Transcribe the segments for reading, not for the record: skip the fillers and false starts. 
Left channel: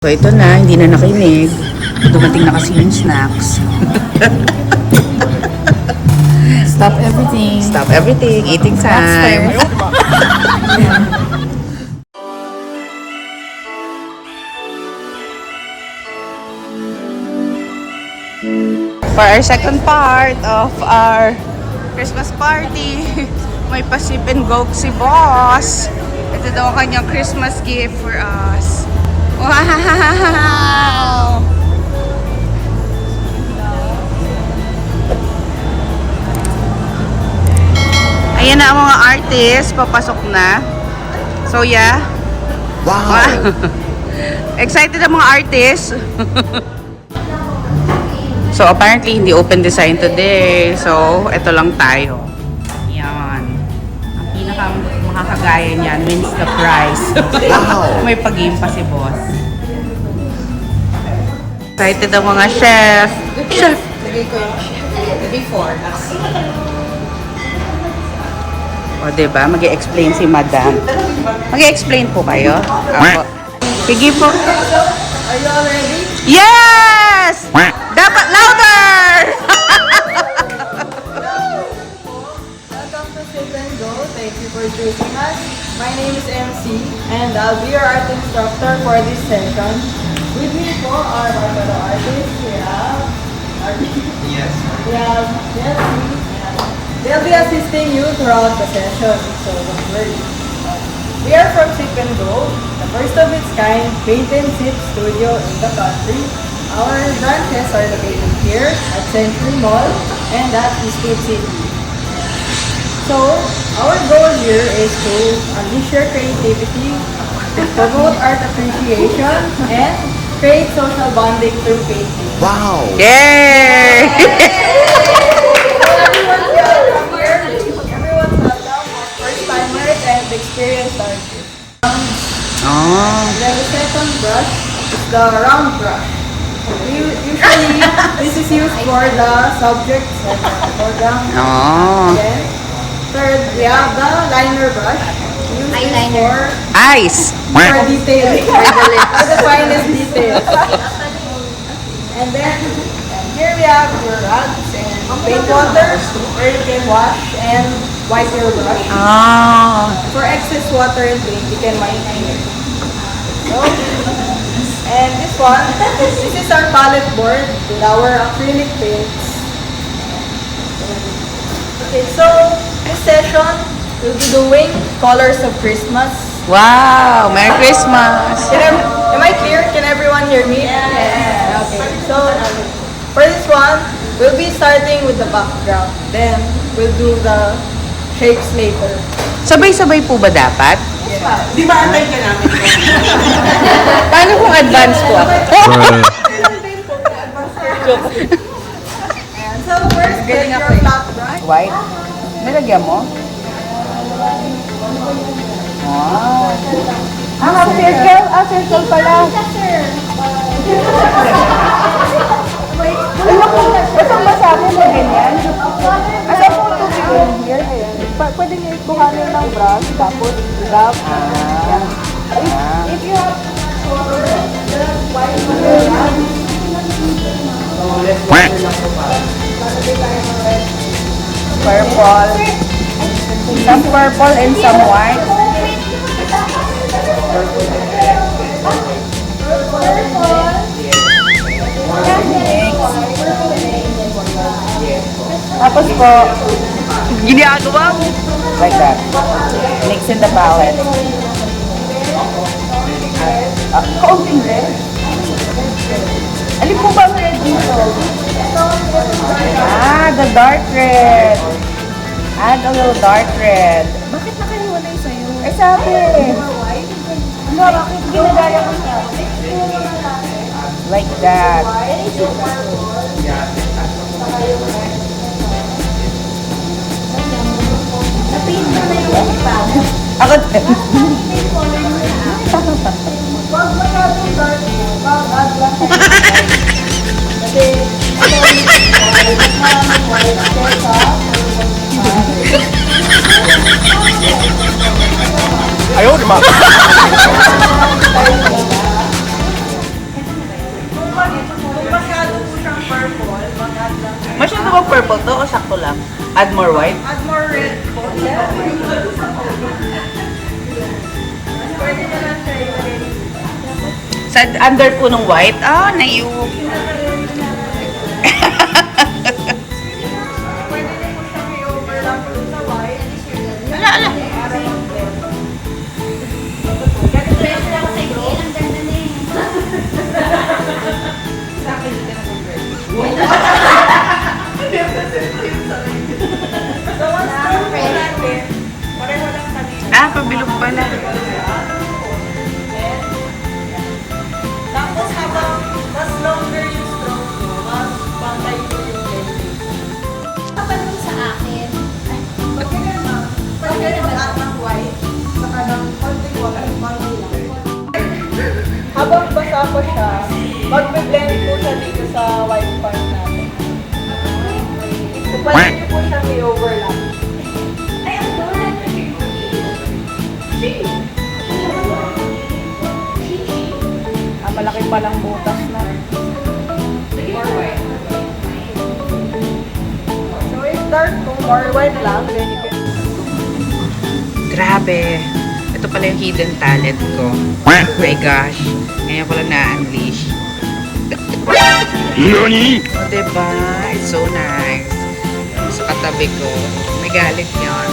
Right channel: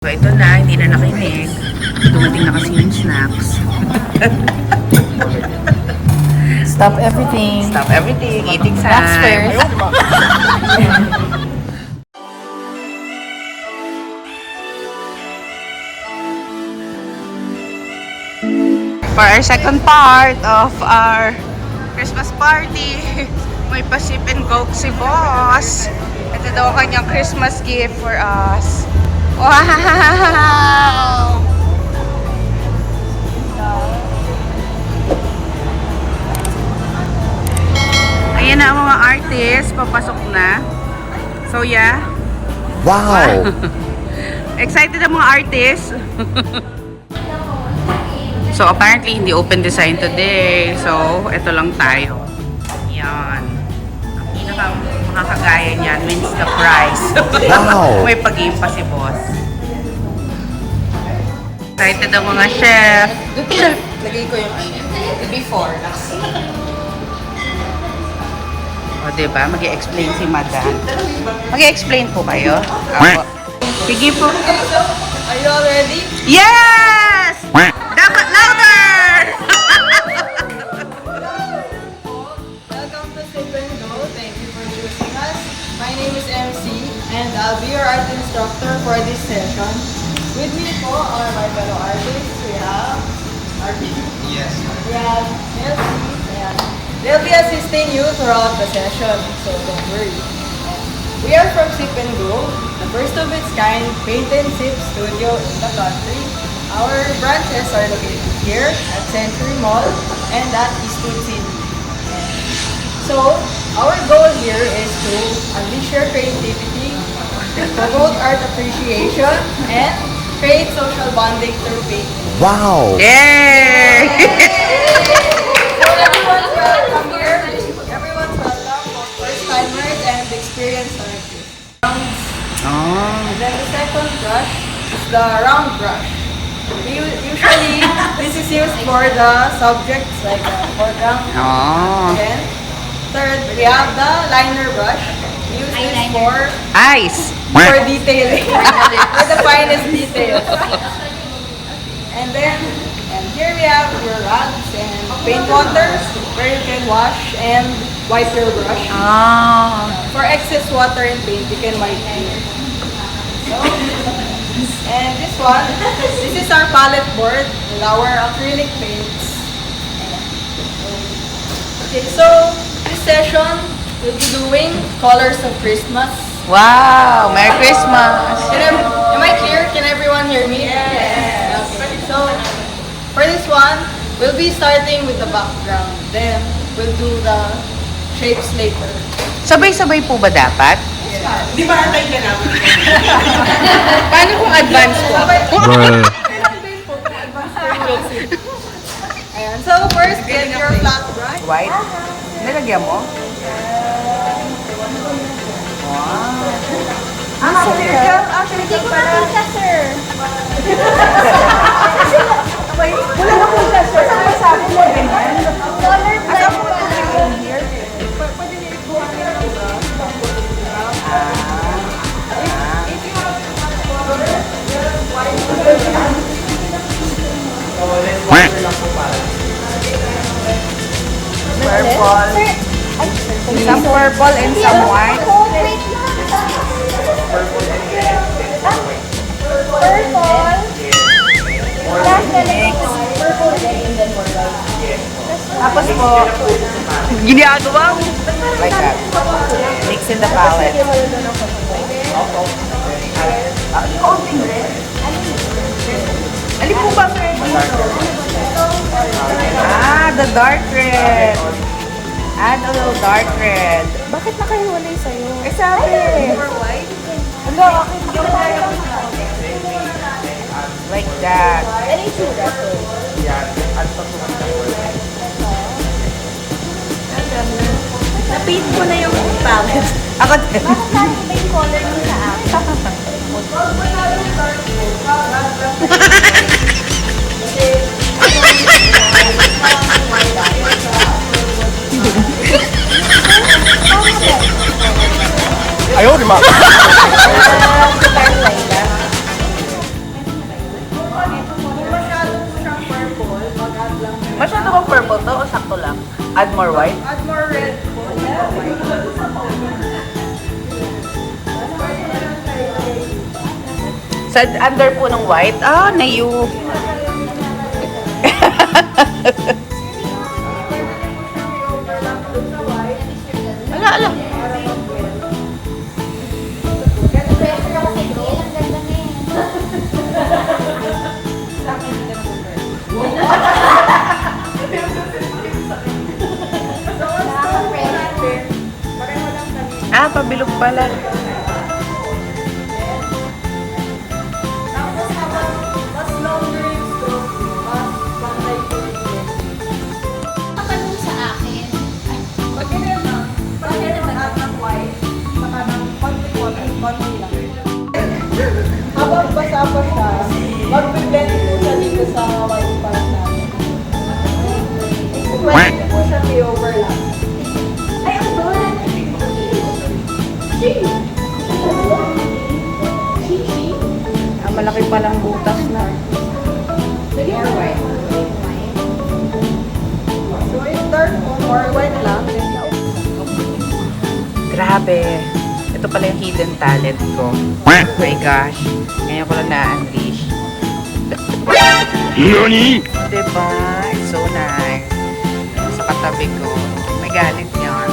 So ito na, hindi na nakinig. Dumating na kasi yung snacks. Stop everything. Stop everything, eating time. For our second part of our Christmas party, may pa-sip and go si boss. Ito daw ang kanyang Christmas gift for us. Wow! Ayan na ang mga artists, papasok na. So yeah. Wow! Excited ang mga artists. So apparently hindi open design today. So ito lang tayo. Yan. Ang pinakang makakagaya niyan wins the prize. May pag-game pa si boss. Excited ang mga chef. Chef! Lagay ko yung before. O diba, mag-i-explain si madam. Mag-i-explain po kayo. Ako. Sige po. Are you all ready? Yes! Dapat louder! Welcome to Sip and Go. Thank you for choosing us. My name is MC and I'll be your art instructor for this session. With me po are my fellow artists. We have Artie. Yes. We have Chelsea. They'll be assisting you throughout the session, so don't worry. We are from Sip and Go, the first of its kind paint and sip studio in the country. Our branches are located here at Century Mall and at Eastwood City. So, our goal here is to unleash your creativity, promote art appreciation, and create social bonding through painting. Wow. Yay! Everyone's welcome, both first-timers and experienced artists. Oh. Then the second brush is the round brush. Usually, this is used for the subjects like foreground. Oh. Then, third, we have the liner brush. We use this Ice! for detailing, for the finest details. And then, here we have your rods and paint water where you can wash and wipe your brush. Oh. For excess water and paint, you can wipe here. So, and this one, this is our palette board with our acrylic paints. Okay, so this session we'll be doing colors of Christmas. Wow! Merry Christmas! Am I clear? Can everyone hear me? Yes. Okay, so for this one, we'll be starting with the background. Then we'll do the shapes later. Sabay-sabay po ba dapat? Di ba antay ka namin? Paano kung advance po? Ayan, so first, get your flat brush. White? Nalagyan mo? Wow! Ah, circle? Ah, circle pala. Ay, naku! Basang-basa po pag ganyan. Asa po ito in here? Pwede niyo ikuhanin ng brush, tapos rub. Ah. Ah. If you have white Purple. Some purple and some white. Mix. Tapos po, ginagawa mo. Like that. Mix in the palette. Kaunting red. Alin po ba ang red dito? Ah, the dark red. Add a little dark red. Bakit nakahiwalay sa'yo? Eh sabi. Ano, bakit ginagaya ko siya? Like that. Na-paint mo na yung palette. Ako din. Wag masyadong dark po. Mag-add lang. Kasi, Ayaw, di ma. Masyado ba purple to o sakto lang? Add more white? Add more red. Sa under po ng white? Ah, nayu. Ala, ala. Ah, pabilog pala. Tapos mas longer yung stroke mo, mas bangay ko yung Kapalong sa akin. Ay, Pwede mag-add ng white, saka ng konting white, konting white. Habang basa ko siya, mag-blend ko dito sa white pa na. Pwede ko siya i-overlap. ay, ang bola. Ah, malaki palang butas na. More white. So if dark more white lang, then you can Grabe. Ito pala yung hidden talent ko. Oh my gosh. Ngayon ko lang na-unleash. NANI?! O, diba? It's so nice. Sa katabi ko. May galit yun.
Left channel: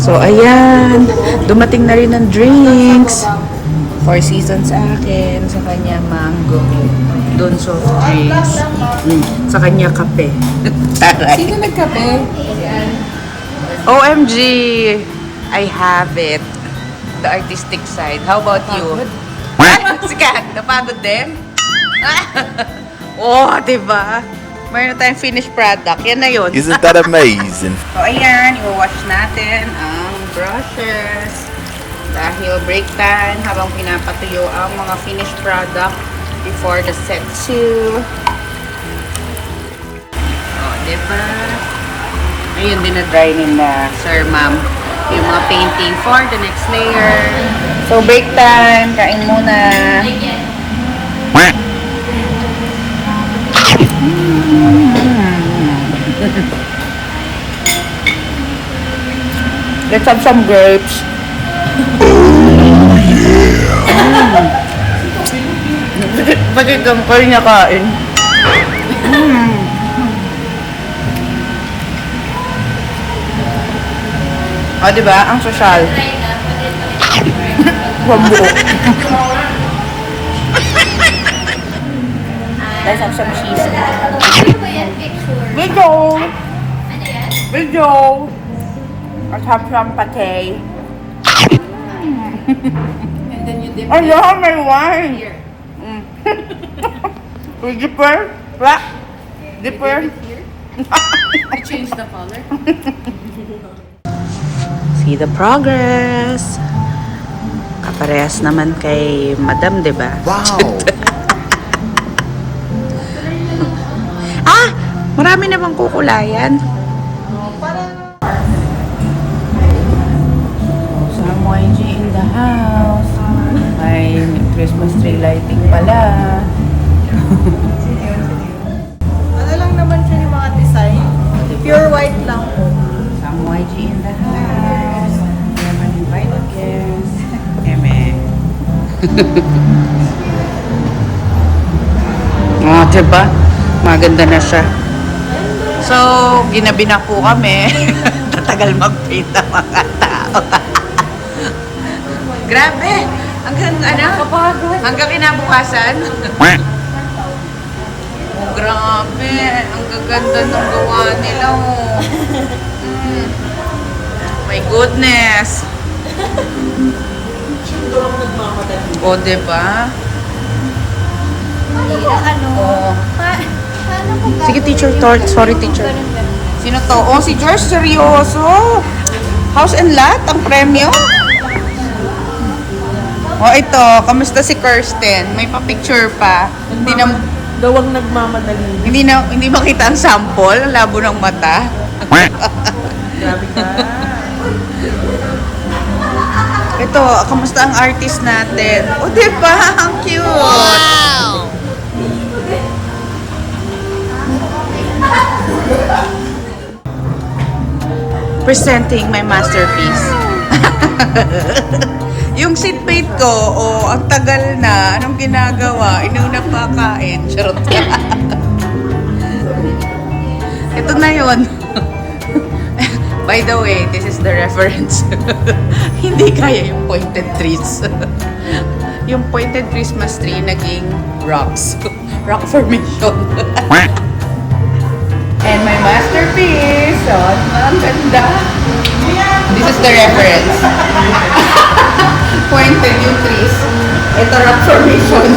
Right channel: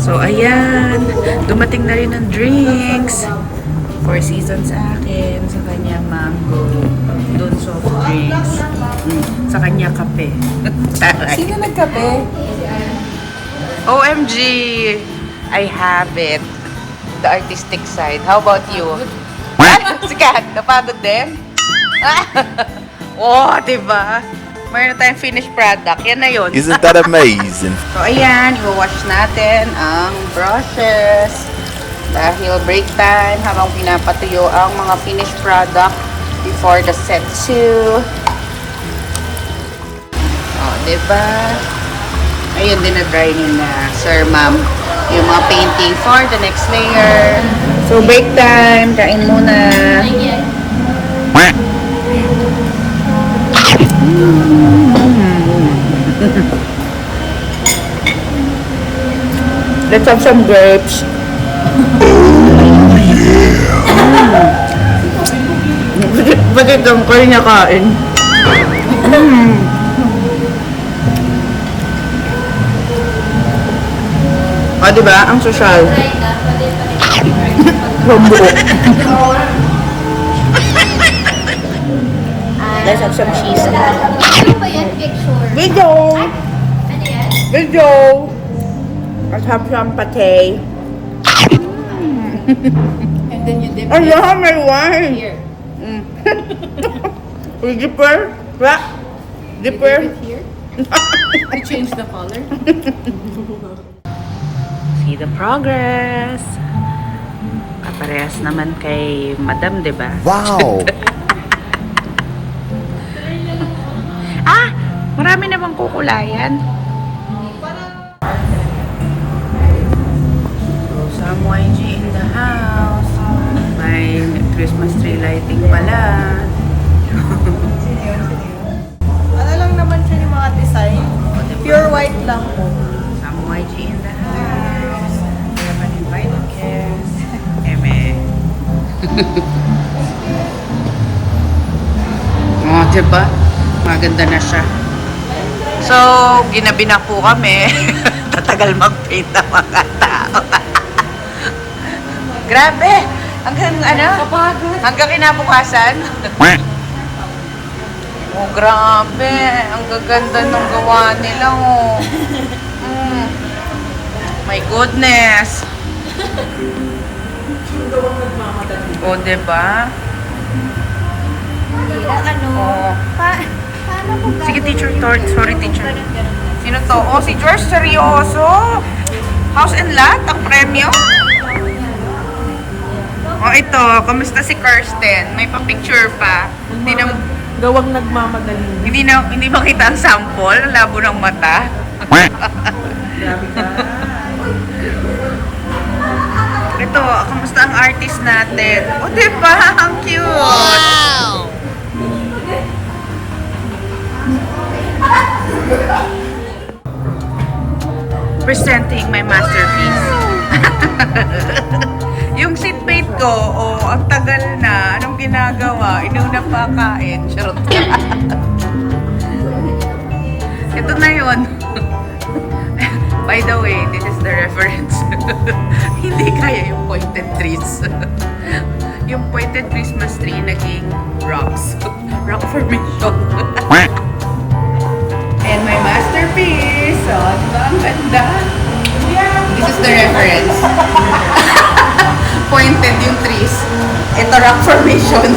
So, ayan. Dumating na rin ng drinks. Four Seasons sa akin. Sa kanya, mango. Doon, soft drinks. Sa kanya, kape. Taray. Sino nagkape? OMG! I have it. The artistic side. How about you? Sikat, napagod din? Oh, diba? Mayroon tayong finished product. Yan na yun. Isn't that amazing? So, ayan, i-wash natin ang brushes. Dahil break time habang pinapatuyo ang mga finished product before the set 2. Oh, diba? Ayun din na-dry na, sir, ma'am. Yung mga painting for the next layer. So, break time. Kain muna. Let's have some grapes. Bakit ang kayo niya kain? O, diba? Ang sosyal. Bambu. Let's have some cheese. ano ba yan? Picture. Video! Ano yan? Video! Let's have some pate. And then you dip Oh, yeah, may wine. here. With dipper. Black. Dipper. Here. You change the color. See the progress. Kaparehas naman kay Madam, di ba? Wow! Ah! Marami namang kukulayan. Some YG in the house. May Christmas tree lighting pala. Ano lang naman siya yung mga design. Pure white lang po. Some YG in the house. We have an invited guest. Eme. Oh, diba? Maganda na siya. So, ginabi na po kami. Tatagal mag-paint ang mga tao. Grabe! Hanggang ano? Hanggang kinabukasan? Oh, grabe. Ang gaganda ng gawa nila, oh. Mm. My goodness. Oh, diba? Ano? Oh. Paano ko ba? Sige, teacher. Sorry, teacher. Sino to? Oh, si George, seryoso. House and lot, ang premyo. Oh, ito. Kamusta si Kirsten? May pa-picture pa. Gawang nagmamadali. Hindi makita ang sample. Ang labo ng mata. Grabe ka. Ito, kamusta ang artist natin? O, diba? Ang cute! Presenting my masterpiece. Yung seatmate ko, ang tagal na. Anong ginagawa? Inuna pa kain. Charot. Ito na yun. By the way, this is the reference. Hindi kaya yung pointed trees. Yung pointed Christmas tree naging rocks. Rock formation. And my masterpiece. Oh, diba? Ang ganda. This is the reference. Pointed yung trees. Ito rock formation.